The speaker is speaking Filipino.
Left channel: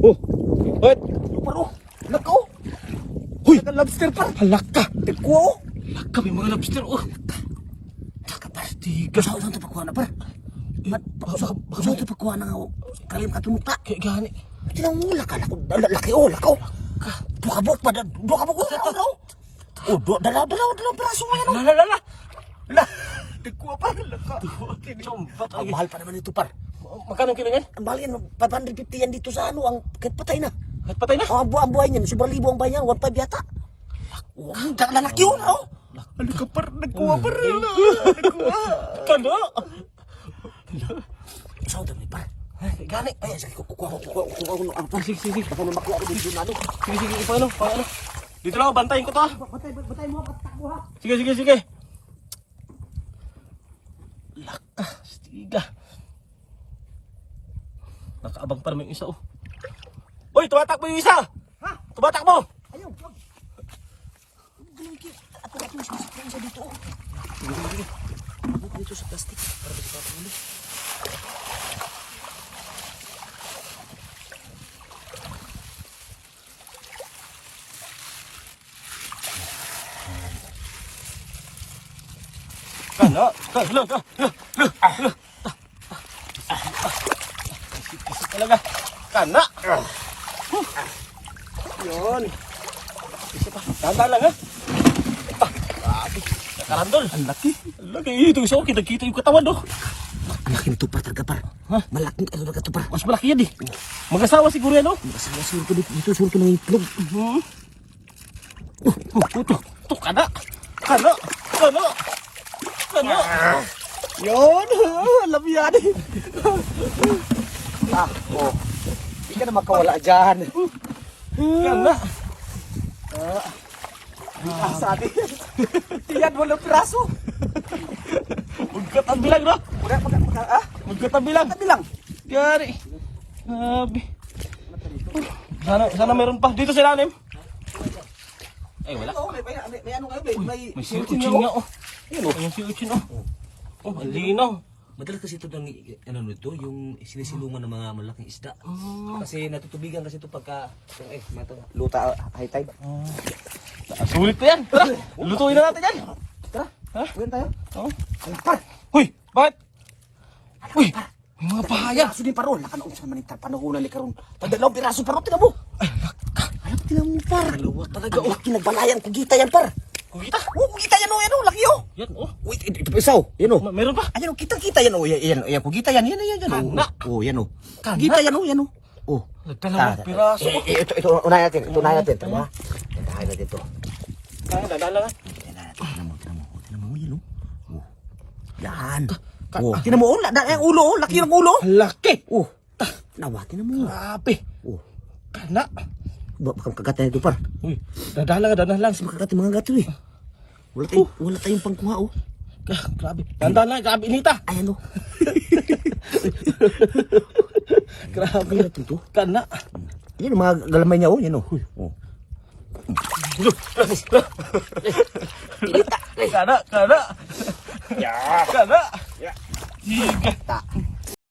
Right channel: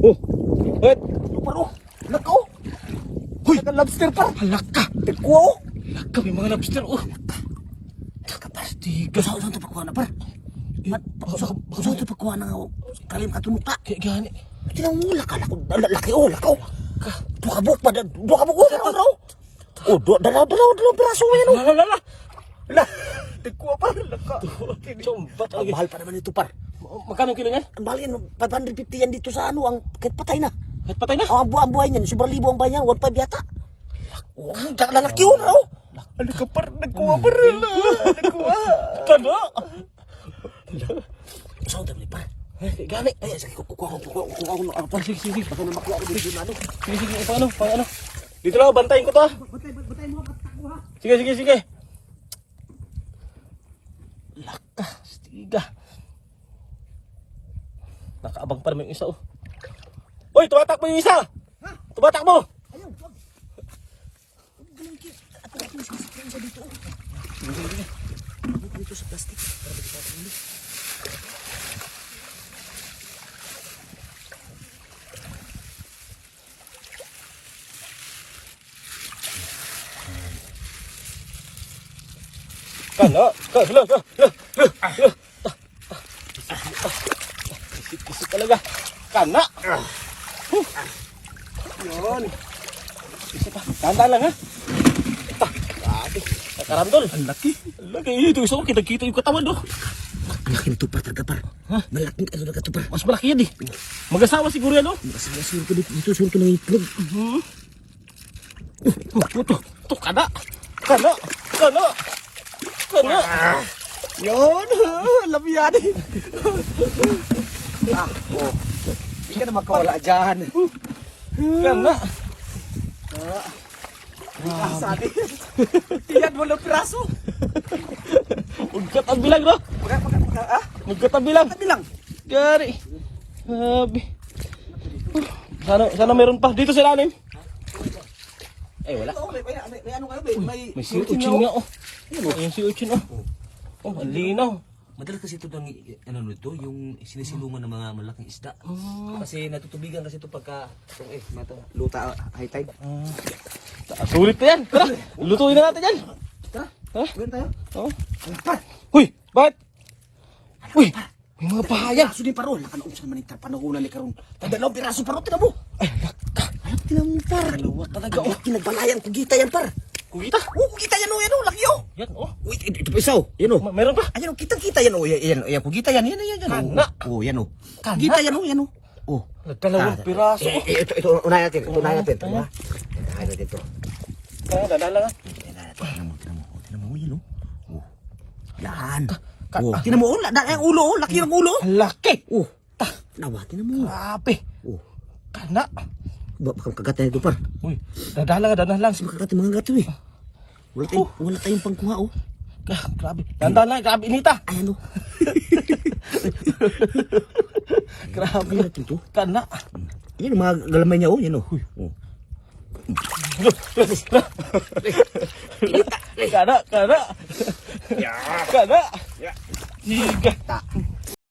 Oh. What? Par oh. Lakaw. Huy. Naka lobster par. Halaka. Tikwa oh. Halaka may mga lobster. Oh. Taka par. Tiga. Usaw ito pagkuha na par. Usaw ito pagkuha na kalim katunukta. Gani. Tinang mula ka. Laki oh. Lakaw. Bukabuk pa. Bukabuk oh. Oh. Dalaw piraso mo yan oh. Lala. Tikwa par. Laka. Sombat. Ang mahal pa naman ito par. Magkano kilo yan? Ang mahal yan. 550 yan dito sa ano. Ang kahit patay na. Kahit patay na? Ang buhay niyan. Sobrang libo ang buhay niyan. 1.5 yata. Oh, lalaki yun oh. Ano ka par? Nagkuha par. Nagkuha. Kano? Saan dami par? Gani. Ay, sige, kukuha ko ang par. Sige. Baka na makuha ko dito na ano. Sige, paano? Dito lang, bantayin ko to. Batay mo, patakbo ha. Sige. Laka, stiga. Nakaabang pa naman yung isa oh. Uy, tumatakbo yung isa! Ha? Tumatakbo! Ayaw, wag. Ako sa dito oh. Dito sa plastic. Para dito pa ulit. Hello. Kisik talaga. Kana. Yun. Kisik pa. Tanda lang ha. Nakarandol. Ang laki. Ang laki. Ito isa ko. Kita yung katawan do. Ang laki nito par, par. Malaking ano na ito par. Mas malaki yan eh. Mag-asawa siguro yan oh. Masayasin ko dito. Suul ko ng itlog. Ito. Kana. Yun. Alam yan eh. Oh. Hindi ka na makawala dyan. Kana. Rinasa din. Tiyan mo ng piraso. Ugkat ang bilang no? Ugkat ang bilang. Bilang. Gari. Sabi. Sana meron pa dito sila namin. Ay wala. Oh, may ano kayo, may May siuchin nga oh. May siuchin oh. Oh, ang linaw. Madalas kasi ito ng ano nito, yung sinisilungan ng mga malaking isda. Kasi natutubigan kasi ito pagka luta high tide. Sulit pa yan. Lutuin na natin yan. Tara, gawin tayo. Huy, bakit? Huy, may mga pangaya. Piraso din parol. Nakanoon sa manitar panahunan ni Karon. Tadalawang piraso parol, tinan mo. Ay, tinan mo par. Dalawa talaga Ang oh. laki nagbalayan, kugita yan par. Kuhita. Oh, kugita yan oh, laki oh. Yan oh. Uy, ito pa isa oh. Yan oh. Meron pa? Ayan oh, kita yan oh. Yan, kugita yan. Yan Kana. oh. Yan oh. Kana. Kugita yan oh, yan oh. Oh. Nagdalawang piraso. Ito, unahin natin. Unahin natin. Tama. Unahin natin ito. Dadala nga. Tinan mo, yan oh. Oh. Yan. Oh. Tinan mo, ang ulo oh. Laki ng ulo. Laki. Oh. Nawa, tinan mo. Grabe. Oh. Kana. Baka kagatan ito par. Uy, dadala lang. Makakati mga gato eh. Wala tayong pangkuha oh. Grabe. Tanda lang, grabe inita. Ayan oh. Grabe Ano natin to? Kana. Yan mga galamay niya oh. Yan oh. Oh. Kana. Ya. Kana. Ya. Tiga. Ta.